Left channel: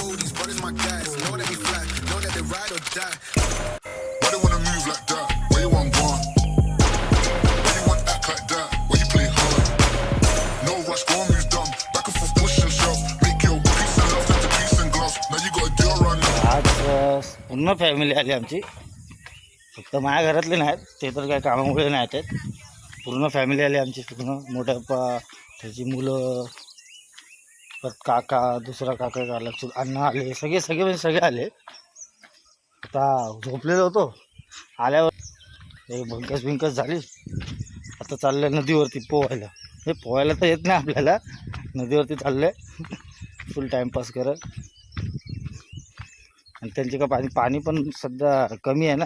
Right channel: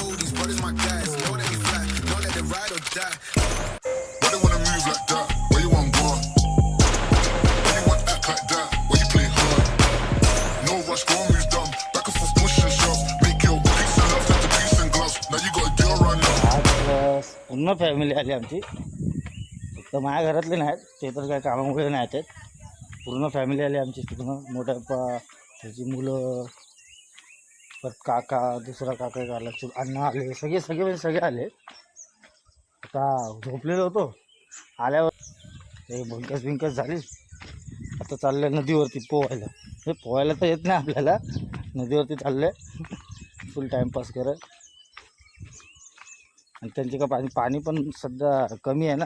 fool, these brothers my guys. Know that we fly, know that they ride or die. Why they wanna move like that? Where you want gone? Why you want act like that? Why you play hard? No rush, go and move dumb. Back and forth, push and shove. Make your peace and love turn to peace and gloves. Now you gotta deal right now. आज पूर्ण family आली आमची फक्त माझ्या घरातले नाहीत ते तर काय कामामुळे नाही आहेत पूर्ण फॅमिली आली आमची पूर्ण मोठ्या पप्पा त्याची मुलं परत काका दुसरा काका का आला अण्णा आले सगळे सगळे म्हणजे सगळे आले. आता झोपलेलो होतो. आल्यावर एक भंकस बिंकस झाली. आता चाललं आहे नदीवरती पोहायला. हे पोहायला तर येत नाही आपल्याला. नदीवरती चाललं आहे फुल टाईमपास करत. आणि त्यांचे का पाणी पाणी पण सध्या कमी आहे ना.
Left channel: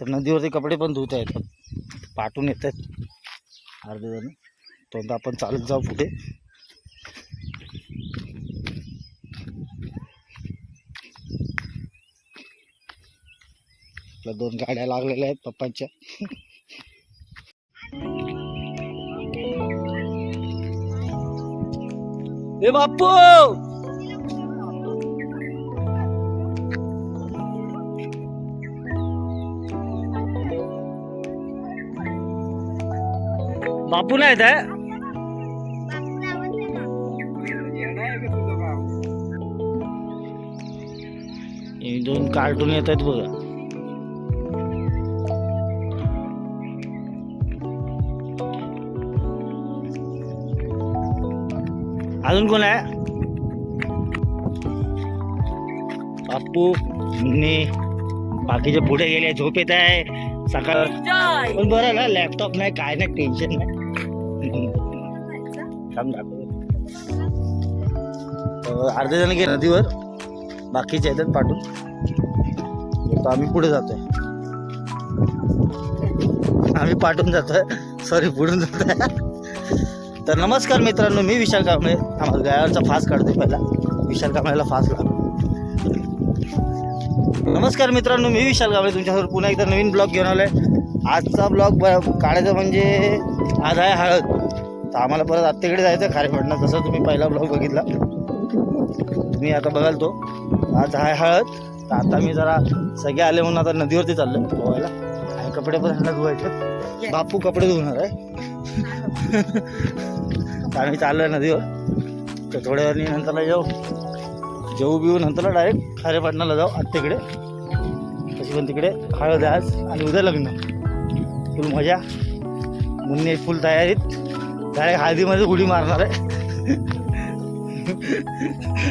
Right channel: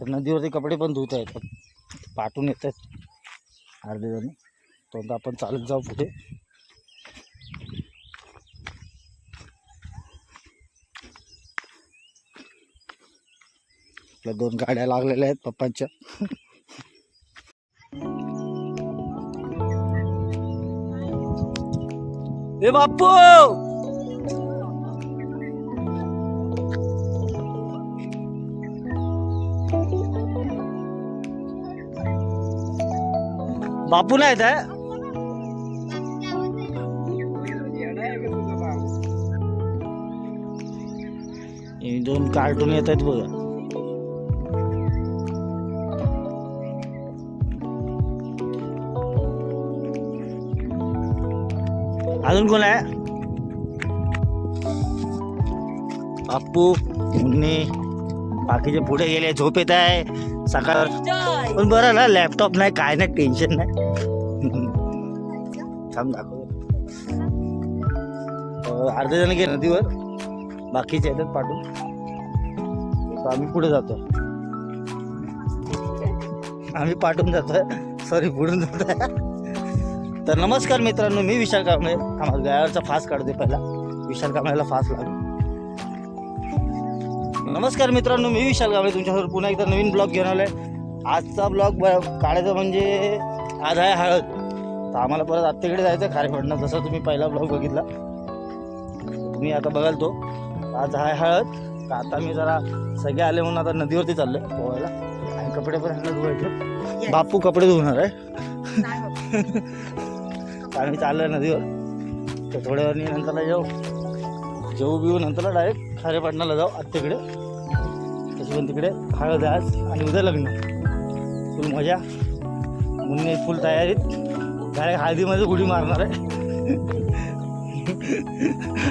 तर नदीवरती कपडे पण धुता येतात. पाठून येत आहेत अर्धे जण तो आपण चालत जाऊ पुढे. आपल्या दोन गाड्या लागलेल्या आहेत पप्पांच्या. ए बाप्पू! बापू नाही आहे? हे दोन कार्टून येत आहेत बघा. अजून कोण आहे? बाप्पू मुन्ने बाकीचे पुढे गेले झोप येत आहे. सकाळ पण बरं ना लॅपटॉप नाही काय नाही टेन्शन नाही. थांब दाखव अर्धे जण गेले नदीवर. बाकीचे येतात तर आम्ही पुढे जातोय. आम्ही पाठून जातोय. सॉरी पुढून जातोय. तर नमस्कार मित्रांनो मी विशाल कांबळे. आम्हाला गायावरचा फास काढतोय पहिला. विशाल कांबळेला फास लागतो नमस्कार मित्रांनो मी विशाल कांबळे. तुमच्यासमोर पुन्हा एकदा नवीन ब्लॉग घेऊन आहे आजचा ब्लॉग काढायचा म्हणजे आज आहे हळद. तर आम्हाला परत आत्तेकडे जायचं खारेपडणं जसं तुम्ही पहिला ब्लॉग बघितला तुम्ही आता बघाल तो. आज आहे हळद. तर आता मी जरा सगळे आले म्हणून आता नदीवरती चाललो पोहायला. आणि कपडे पण ह्यांना धुवायचे. बापू कपडे धुवणार आहे. तर आम्ही चाललो आहे नदीवर. तर थोड्या वेळाने नंतरला जाऊ. जेऊ बिऊ नंतरला डायरेक्ट खारेपाटणाला जाऊ आत्तेकडे तशी पण तिकडे हळद आज आणि उद्या लग्न. फुल मजा. मुन्ने फुल तयारीत. डायरेक्ट हळदीमध्ये उडी मारणार आहे.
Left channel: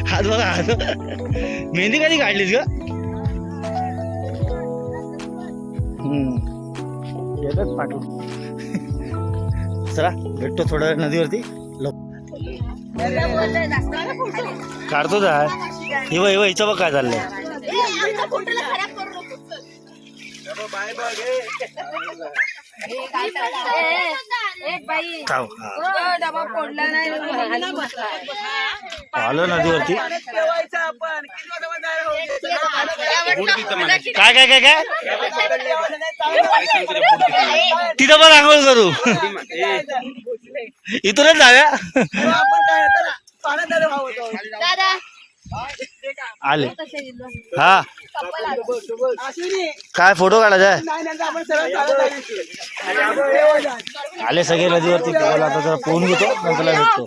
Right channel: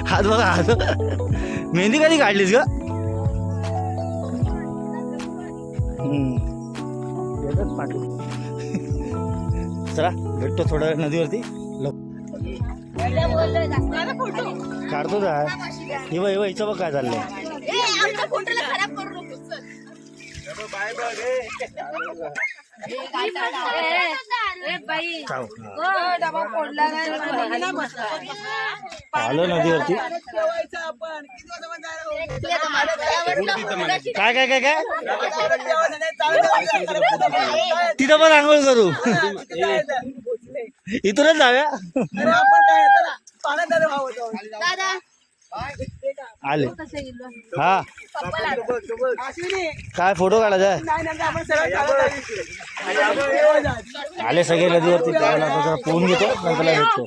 हात बघा हात मेहंदी कधी काढलीस ग? येतच पाठवून चला भेटतो थोड्या वेळ नदीवरती. काढतो जा. हिव हिव हिचं बघ काय चाललंय. खाऊ हा. आलो नदीवरती. काय काय काय काय? तिथं पण आंघोळ करू. इथूनच जाव्या आले. हा. काय फोटो काढायचा आहे? आले सगळे नदीवरती. पोहायला आता जरा पोहून घेतो नंतरला भेटतो.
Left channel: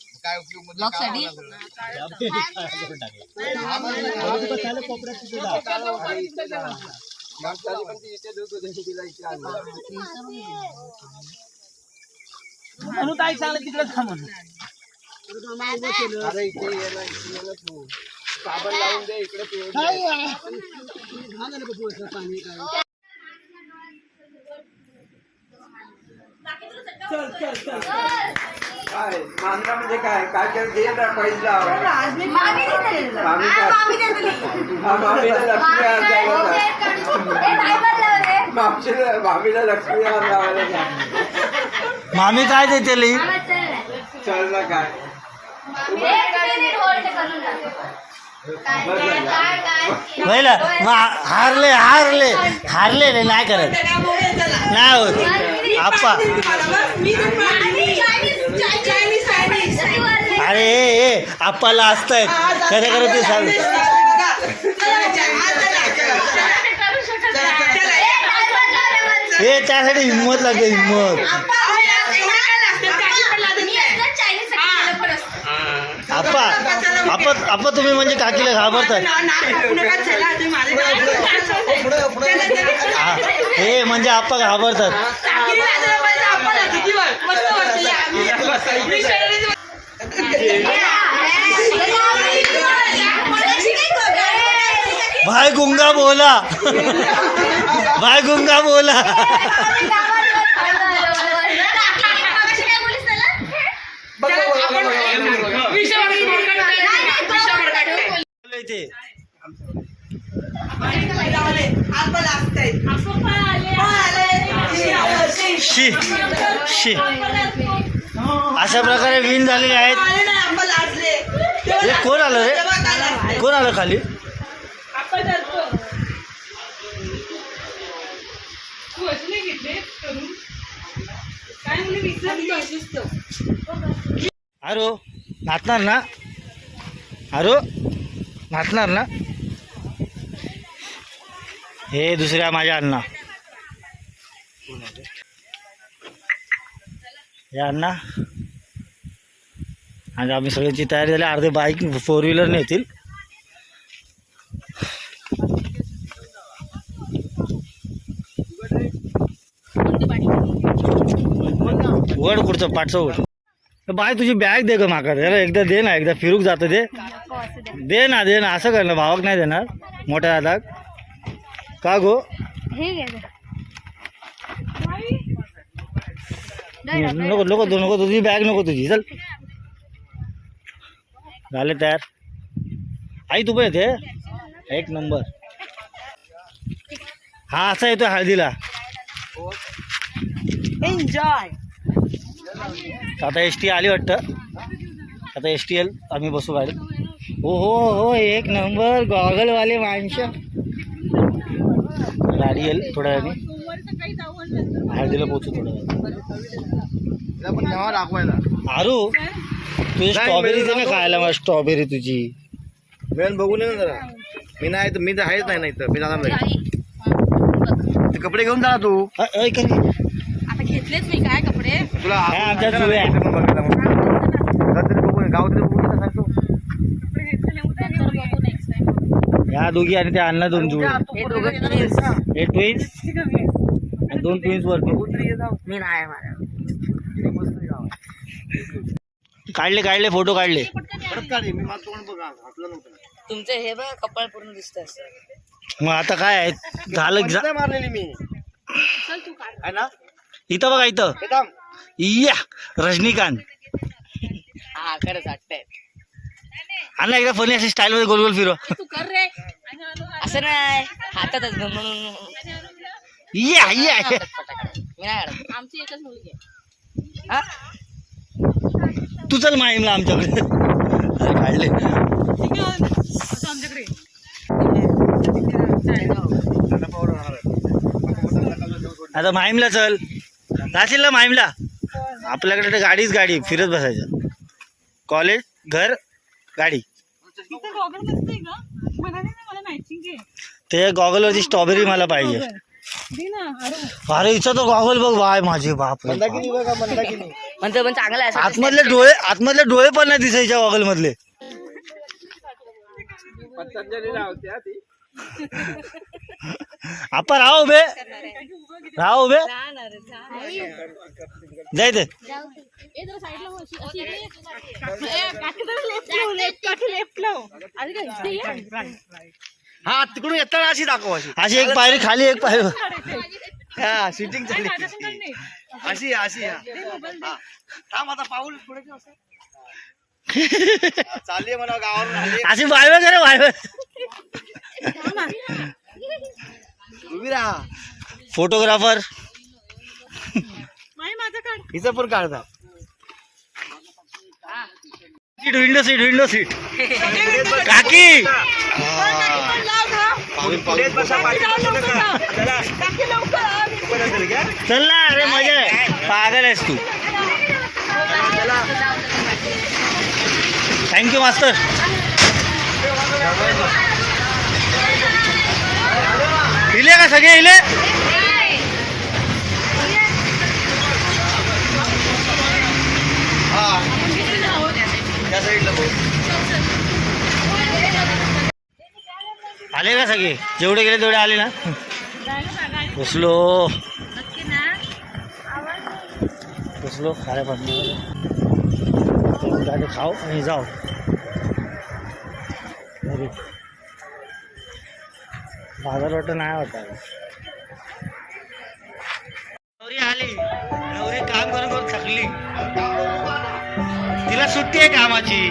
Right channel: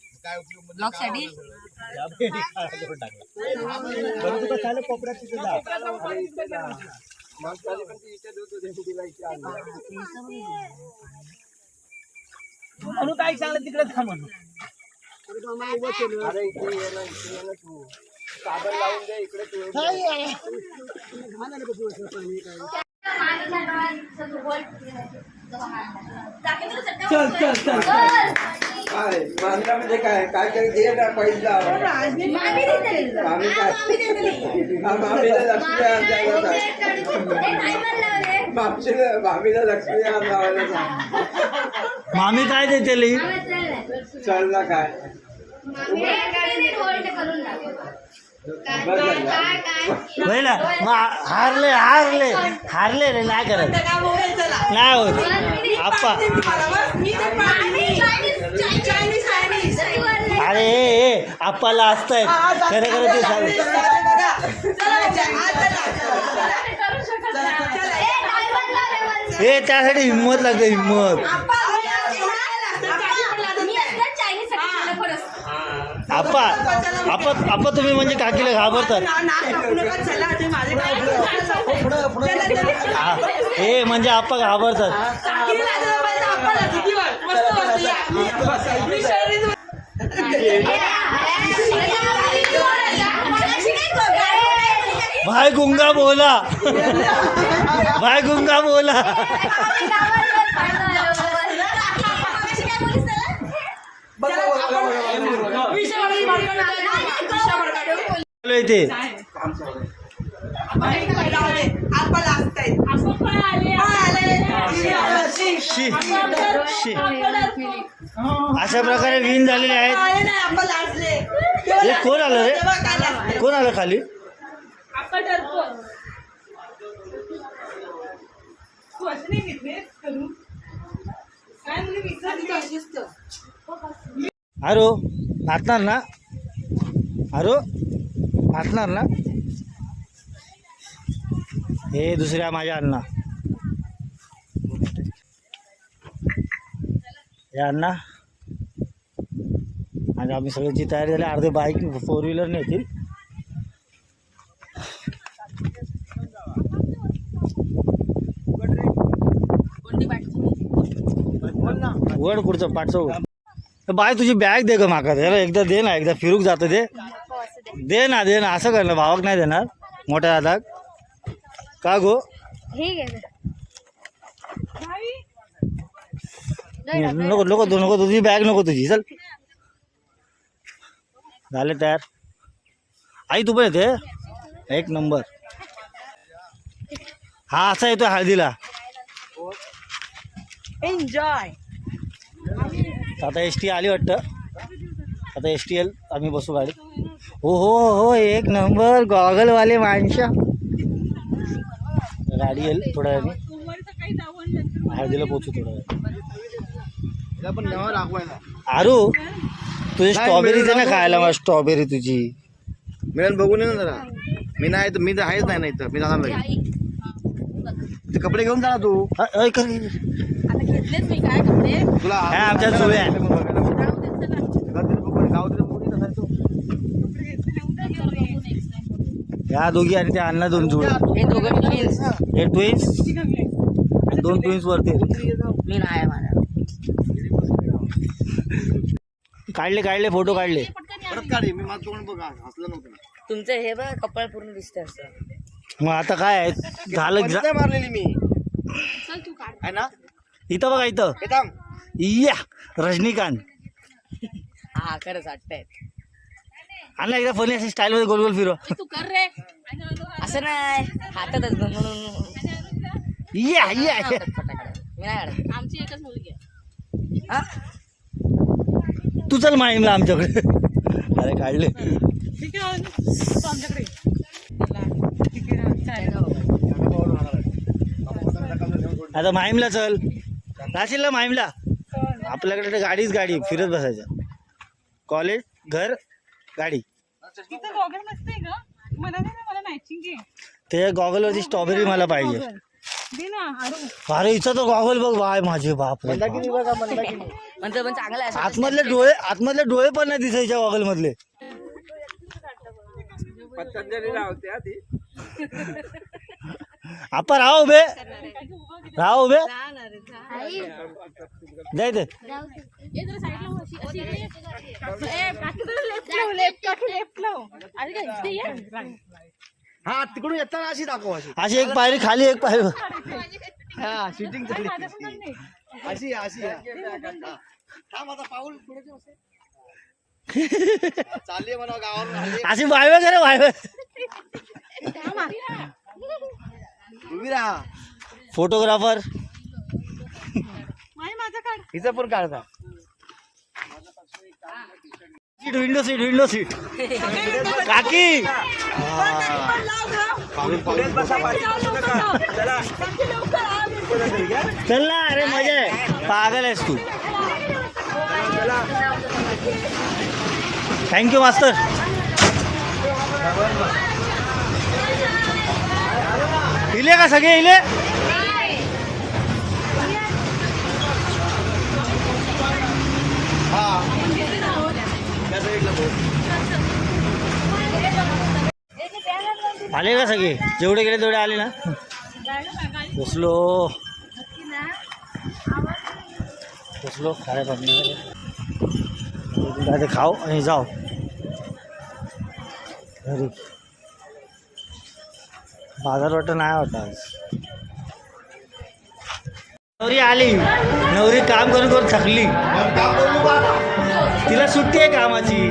ब्लॉकसाठी? म्हणून. काय सांगलं तिकडे चल काय मानला म्हणजे काय काय काय दे लावा मामी देते. मामी आज काय? मामी देते. हा, मामीला लक्ष्मी हार द्यायला ए, driver लावले. मामीला मामीला लक्ष्मी लावायला. मामी काय देते. चल ना काय एक मग हारले हारले हारले रे नाही करत. नाही होत. आप्पा. अरे ए, आप्पाला असतायत खरं खरं ते सांग. हे त्यासाठी हिंमत लागते हिंमत. आप्पा आप्पा आप्पा तुम्ही म्हणजे काकीला घाबरतात हा, हे म्हणजे आप्पा घाबरतात. भाई गुंगा बोला. भाई गुंगा बोला. चालू शी शी. अशा प्रकारे विन झालेले आहेत. हे कोण आलं रे? कोण आलं खाली? अरे नाचणार ना? अरो नाचणार ना? हे दुसऱ्या माझ्या अण्णा. या अण्णा. आणि आम्ही सगळ्यांची तयारी झाली. अर्धे बाईक फोर व्हीलर नेतील उघड कुठचं पाठचं उघड. बाय तुझी बॅग दे ग माका एकदा दे ना एकदा फिरूक जातं दे दे ना दे ना. असं कर ना भावाक नाही देणार. मोठ्या हातात का गो? नको नको नको तुझी बॅग नको तुझी. चल. झाले तयार. आई तू पण येते? एक नंबर. हा असा येतोय हळदीला. एन्जॉय आता एस टी आली वाटतं. आता एस टी एल आम्ही बसू गाडी हो हो हो एक नंबर गॉगलवाले माणसं. गाडी येईल थोड्या वेळाने. हळदीला पोचू थोड्या वेळाने. आरू तुझी स्ट्रॉबेरी दे ना खायला मला स्ट्रॉबेरी तुझी. मिळून बघू नये ना जरा. मी नाही तर मी तर आहेच नाही नाही तर मी जाणार नाही. ते कपडे घेऊन जा तू. कर. घेतलेच मी काय कपडे? तुला आमच्या जुळ्या. गाव तरी बघू नये सांगतो. या दोघी आणि त्या अण्णा दोन जुळे हे ट्विन्स आणि दोन ट्विन्स वरती. मी नाही माझा. काढले काढले फोटो काढले. परत काढ मी माझं तोंड बघ हसलं नव्हतं. तुमचं हे बघ कपाळ पूर्ण दिसतंय असं. मग आता काय आहे? झालं नाही मारलेली मी. आहे ना? इथं बघा इथं. हे थांब. या रजनीकांत. हा खरंच वाटतंय अण्णा एकदा फनी अशी स्टाईल मध्ये गोल गोल फिरव तू कर रे. असं नाही. हातातच घेऊन म्हणून. या या या. फटाकडे. मी नाही काढत. आमची एकच मुलगी आहे. हा? तू चल माहीमला आमच्याकडे अरे काढले. आता माहीमला चल. राशील ना माहीमला? आपल्याकडे तर गाडीच गाडी फिरत बसायचं. कॉलेज घर गाडी. ते गॉगलवरची स्ट्रॉबेरी मला पाहिजे. अरे इथं तर गॉगल बघ बाय माझे बाप रे. बाप. म्हणजे पण चांगलं आहे आतमधले डोळे आतमधले डोळे पण नाही दिसायच्या गॉगल मधले पतंजली लावते हा ती. आपण राहो उभे राहो उभे जाय ते हा तिकडून येताना अशी दाखव अशी. अशी एक पायरी खाली एक पायरी. हा शूटिंग चालली अशी अशी. थांब आता पाऊल पुढे चालली म्हणा गावावर अशी करे उभी राहा फोटोग्राफर इथे पण काढता seat window seat window seat. काकी. चल ना अरे मजा आहे. पागल आहेस तू. थँक्यू मास्तर हिले का सगळे हिले आले का सगळे जेवढे गेले तेवढे आले ना बसलो बसलो खाऱ्या पाणी खाऊ आणि जाऊ घरी बाजार नाही होता नवरी आली. नवरी काम करून करून थकली. तिला सुट्टी आहे कामाची.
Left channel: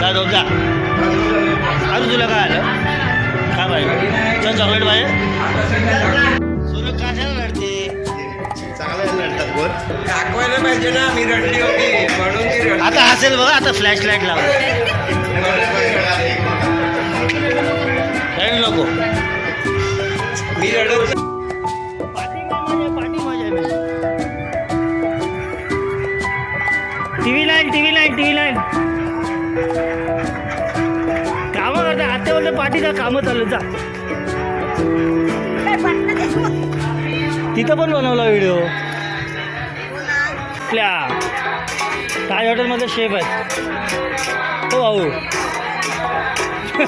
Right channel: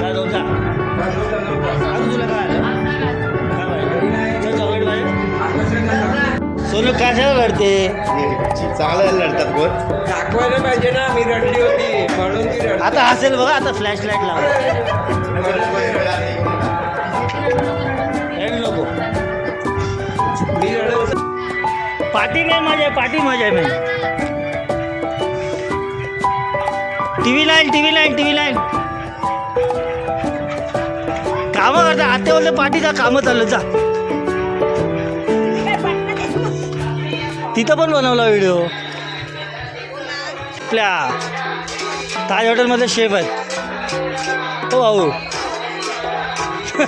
काय जा अजून तुला काय आलं? काय पाहिजे चल चॉकलेट पाहिजे सोनू कशाला लढते चांगलं लढतात गोल दाखवायला पाहिजे ना मी रडली होती. म्हणून ती रडली. आता हसेल बघा आता फ्लॅश लाइट लावा. रड नको. मी रडत पार्टी काय मजा आहे पार्टी मजा आहे T V nine T V nine T V nine. कामं करता आता बोलते पार्टीचा कामं चालू जा. तिथं पण बनवला व्हिडिओ. आपल्या ताज हॉटेलमध्ये शेफ आहेत. हो भाऊ.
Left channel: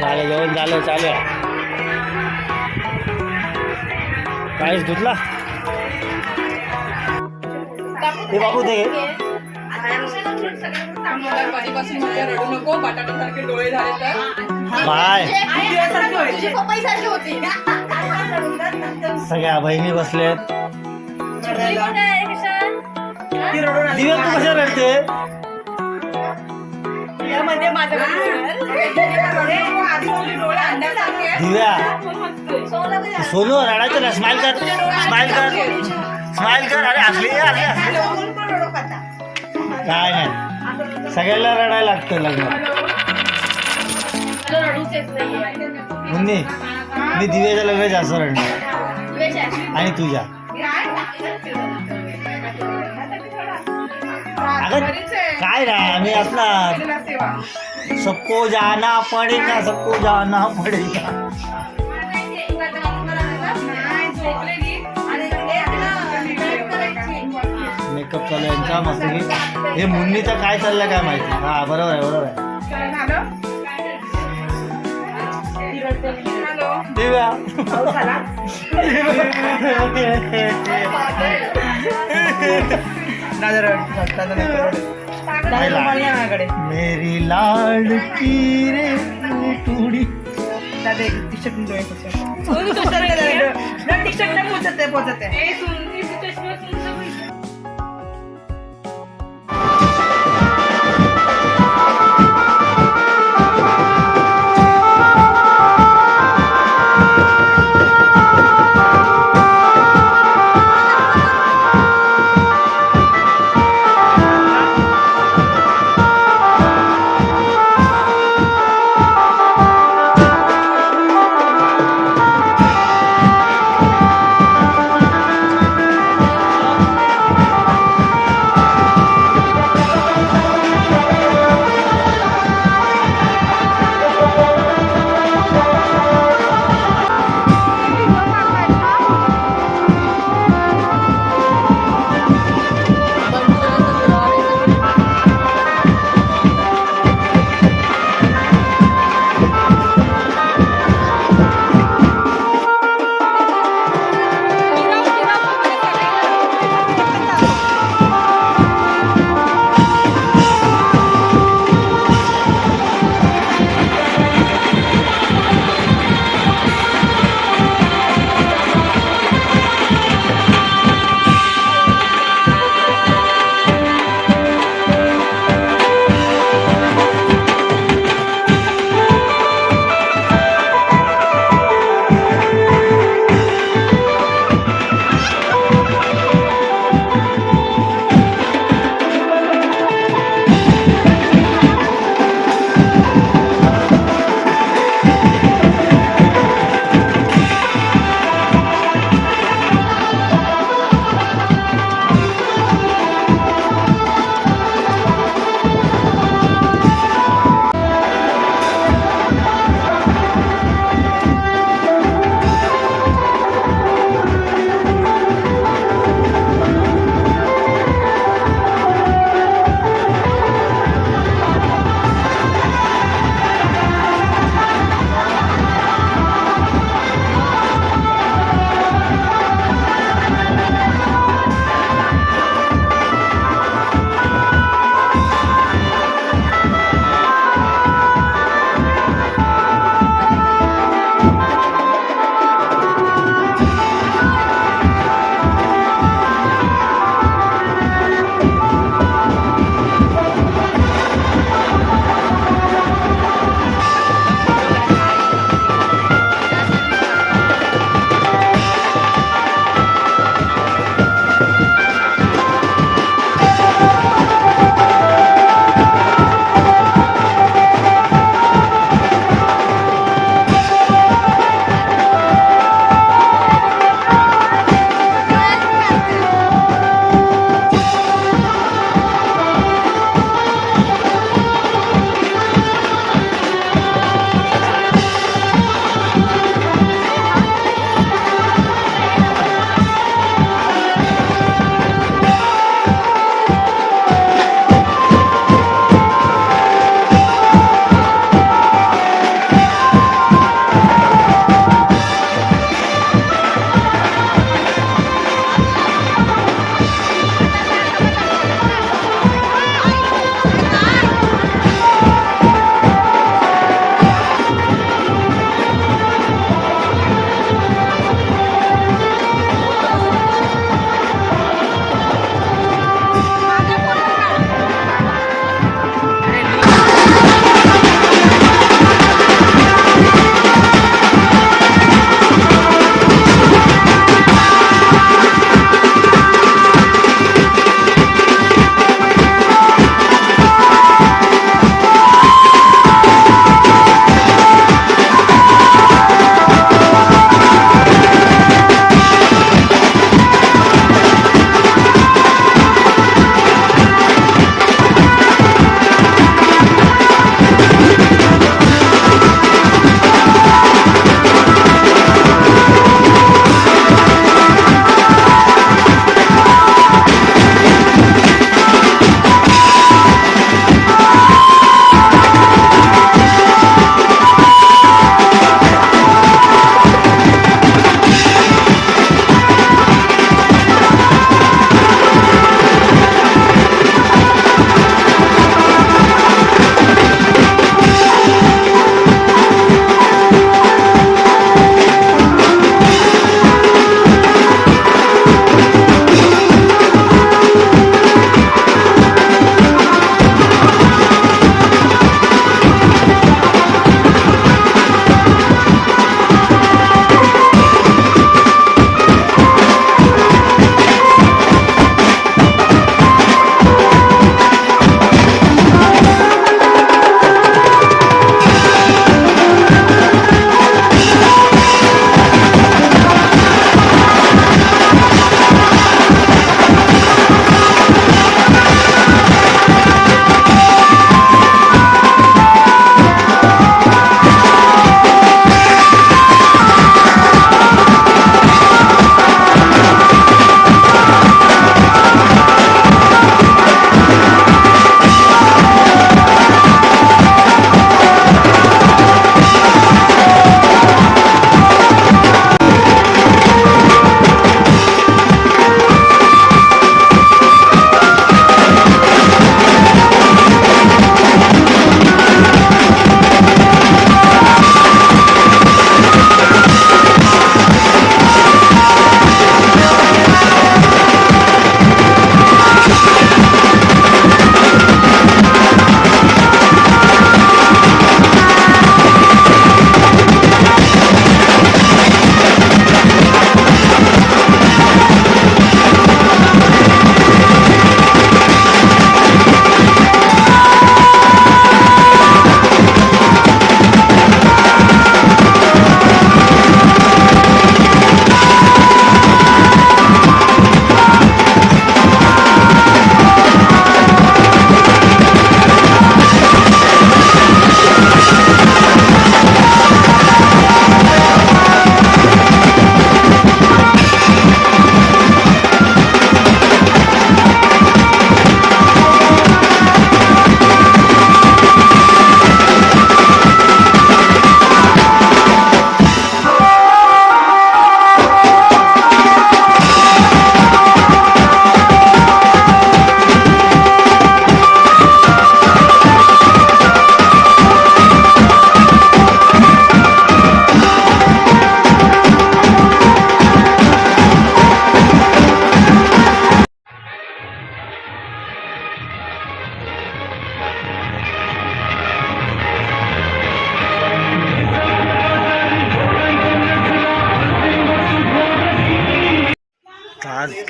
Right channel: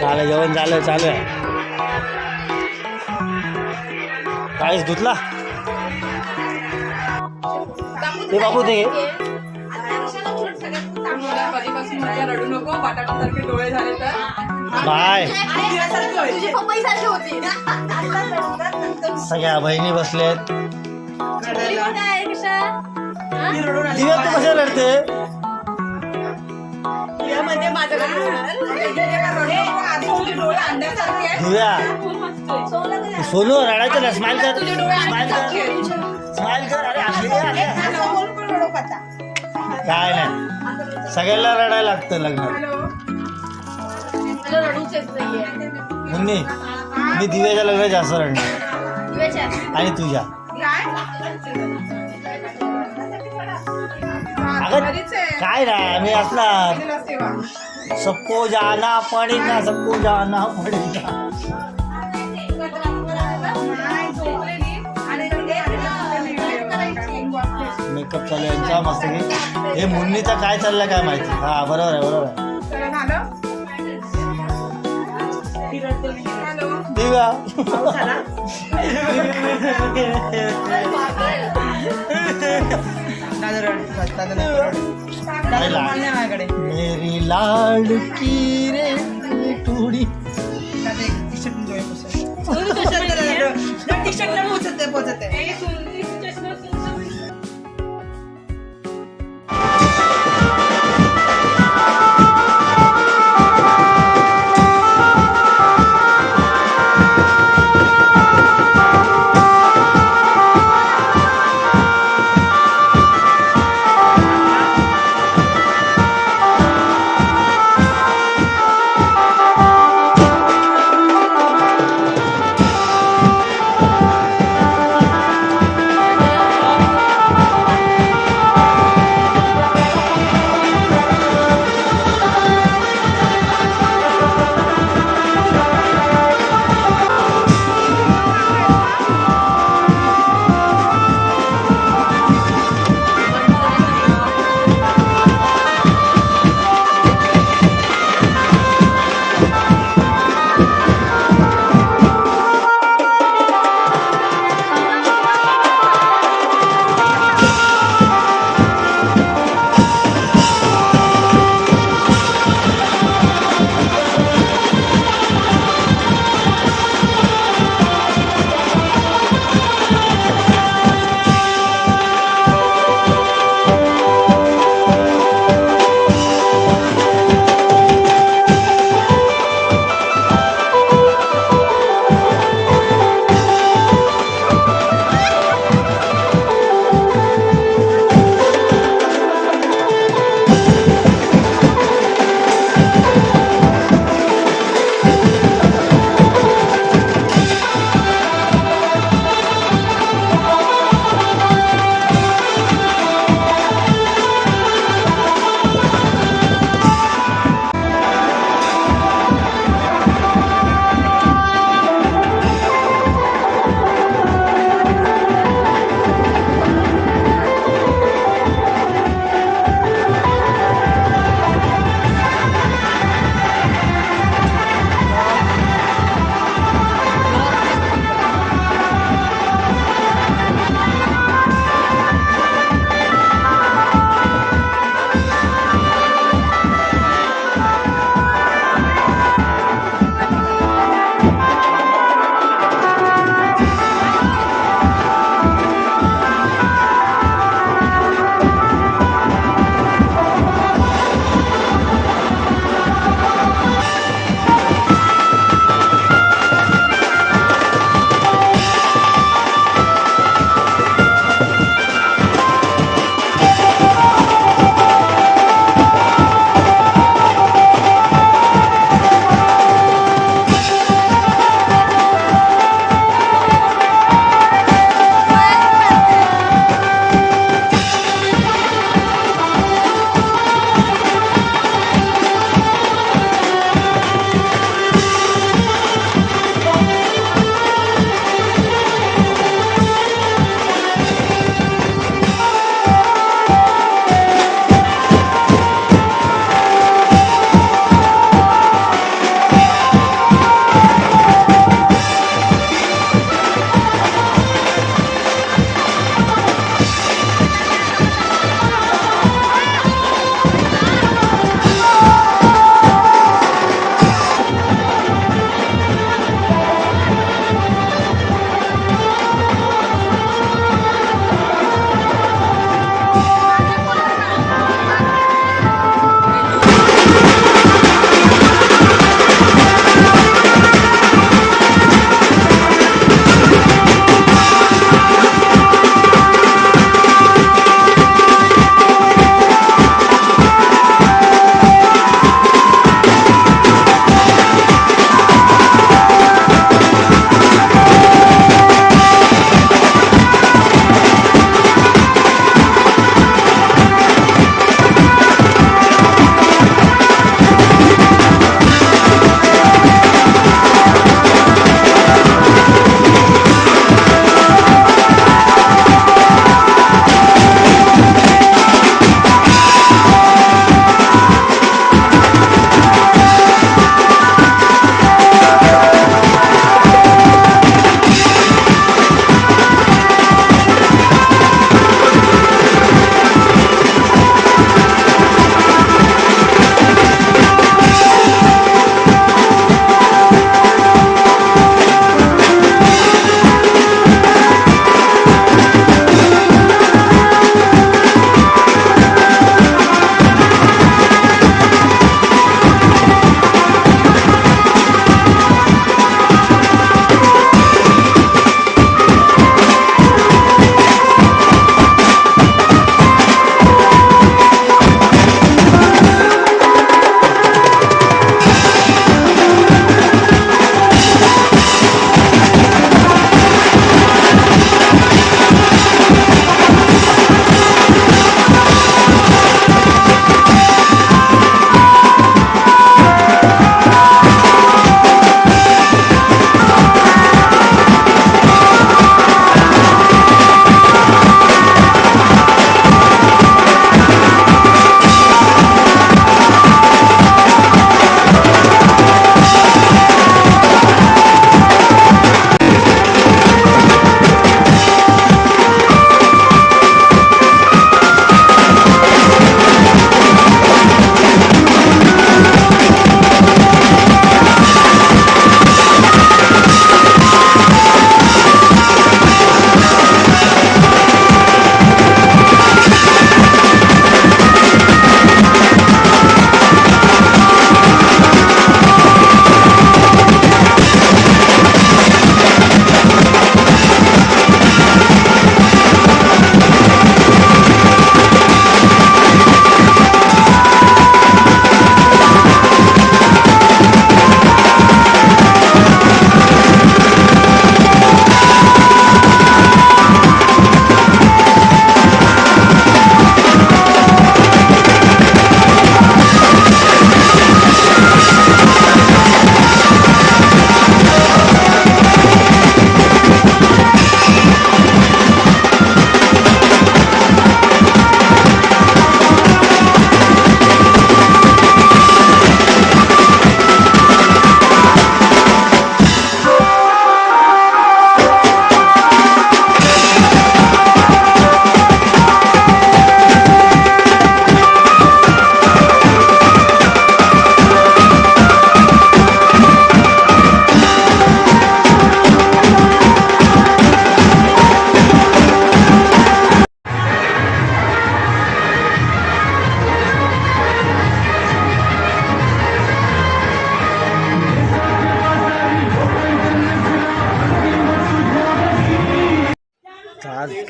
झालं जेवण झालं चालू आहे काहीच धुतला. ते बाबू ते कधीपासून मला रडू नको. बटाट्यासारखे डोळे झाले तर. बाय. सगळ्या बहिणी बसलेत? हा? दिव्या तू कशा रडते. दिव्या. सोनं रडायचं ना स्माइल कर. स्माइल कर. स्माइल कर. अरे करता. काय नाही. सगळ्यांना रडायला लागतं लग्नात. मुन्नी मी दिव्याच्या लग्नात जास्त रडणार. आणि तुझ्या अगं काय असला तिला सेवा. सबको जाना पडेगा सबको जाना पडेगा मेकअप चालू आहे यांचा मस्त की हे मुन्नीचं काय चाललंय काय माहिती? हा बरोबर आहे बरोबर आहे. दिव्या. काय लाड? मेरी लाडकी रे टुडी ए, सुंदरी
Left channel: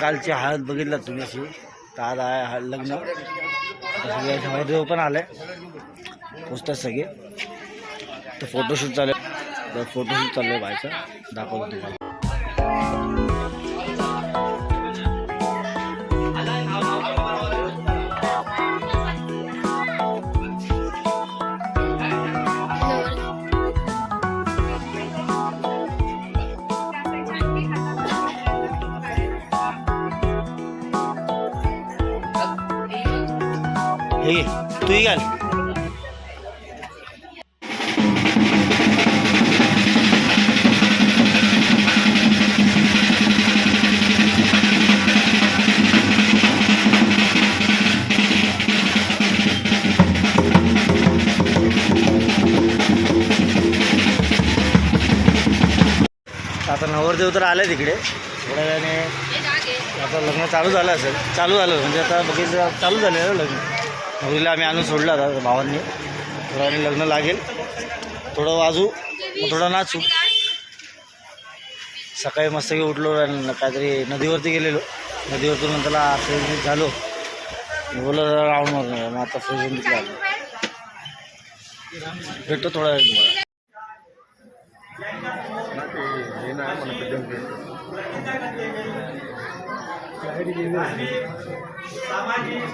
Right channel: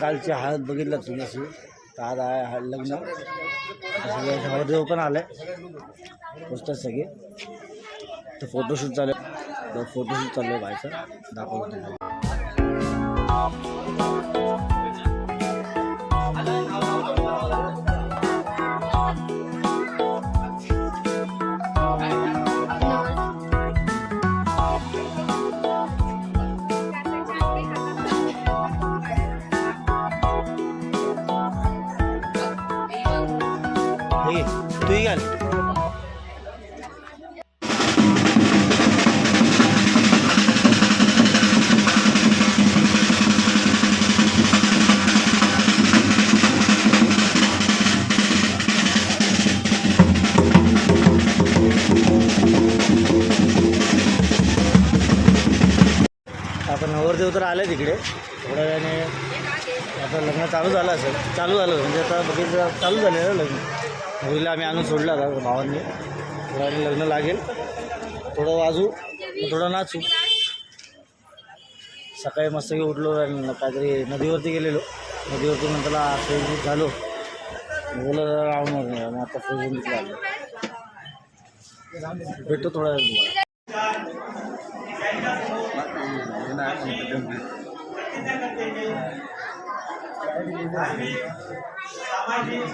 कालची हळद बघितला तुम्ही अशी? तर आज आहे लग्न. आता सगळे पण आले. पोचतात सगळे. तर फोटोशूट चालू तर फोटोशूट चालू आहे बायचं दाखवतो तुम्हाला. हे घे, तूही घाल. आता नवरदेव तर आले तिकडे थोड्या वेळाने आता लग्न चालू झालं असेल. चालू झालं म्हणजे आता बघितलं चालू झालेलं लग्न. नवरीला आम्ही आणून सोडलं आता भावांनी थोड्याने लग्न लागेल थोडं वाजू मग थोडं नाचू सकाळी मस्त उठलो आणि काहीतरी नदीवरती गेलेलो नदीवरतून नंतरला फ्रेश झालो बोलत जरा राऊंड मारून मग आता फ्रेश होऊन तिकडे आलो भेटतो थोड्या वेळ तुम्हाला सामाजिक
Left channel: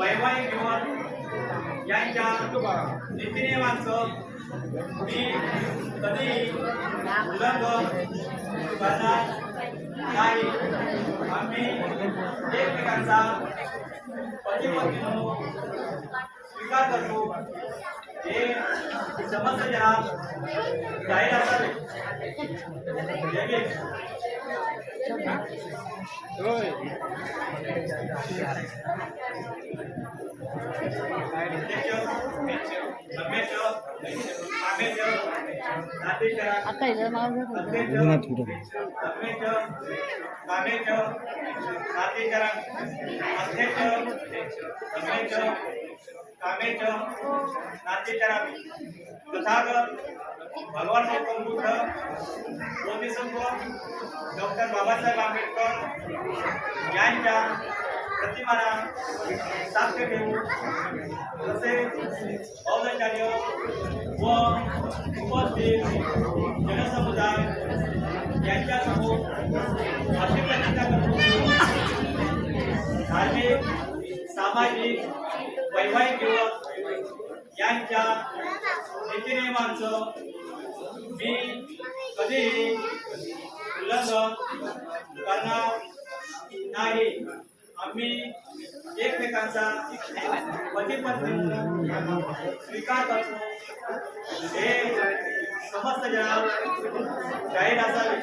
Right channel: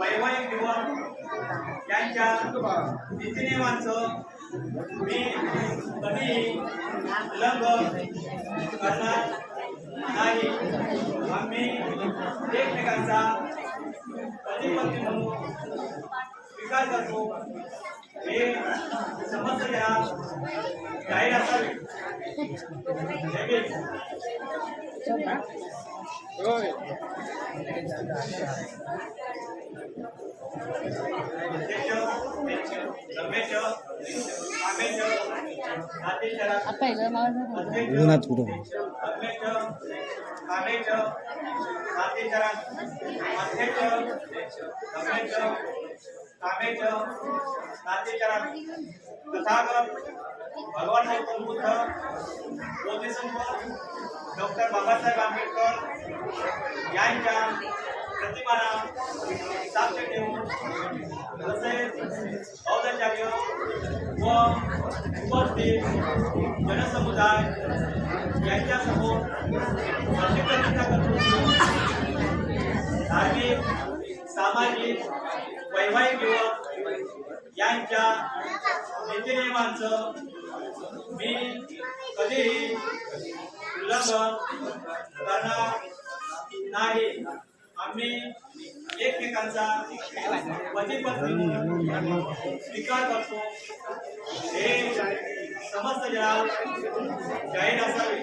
वैवाहिक जीवन यांच्या नीतिनियमांचं मी कधीही उल्लंघन करणार नाही. आम्ही एकमेकांचा पती पत्नी म्हणून स्वीकार करतो. हे समस्त जनात जाहीर असावे. जय आता जर सांगितलं. उन्हात कुठं? कामेच नातेचरण तथागत. भगवान गौतम बुद्ध बोधिसत्व डॉक्टर बाबासाहेब आंबेडकर यांच्या प्रतिमाना साक्ष ठेवून तसेच औदचार्य व उपस्थित जनसमुदाय यांच्यासमोर आपली प्रतिज्ञा करतो धार्मिक सामाजिक वैवाहिक दिवस यांच्या नीतीनियमांचं मी कधीही उल्लंघन करणार नाही. आम्ही एकमेकांचा पती स्वीकार करतो. हे समस्त जरा जाहीर असावे.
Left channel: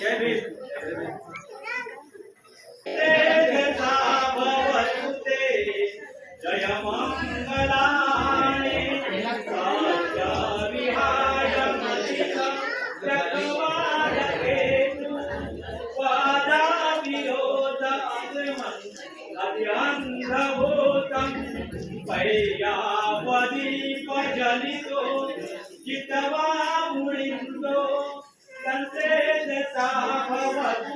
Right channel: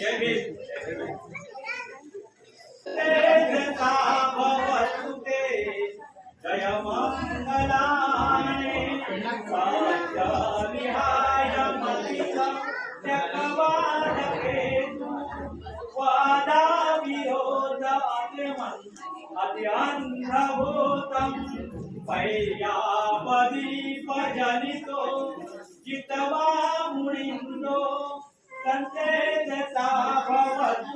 जय भीम.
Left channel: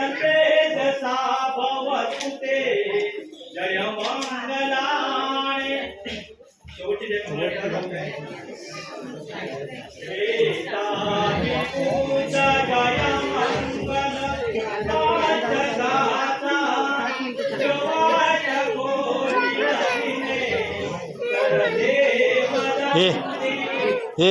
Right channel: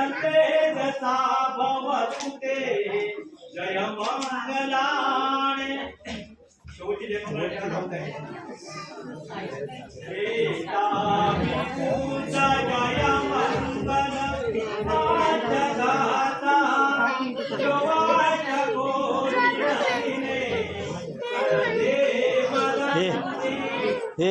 सन्देशसा भवतु ते जय मङ्गलाय शेवटी जय हे हे.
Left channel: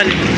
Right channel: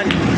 लाइट पण आली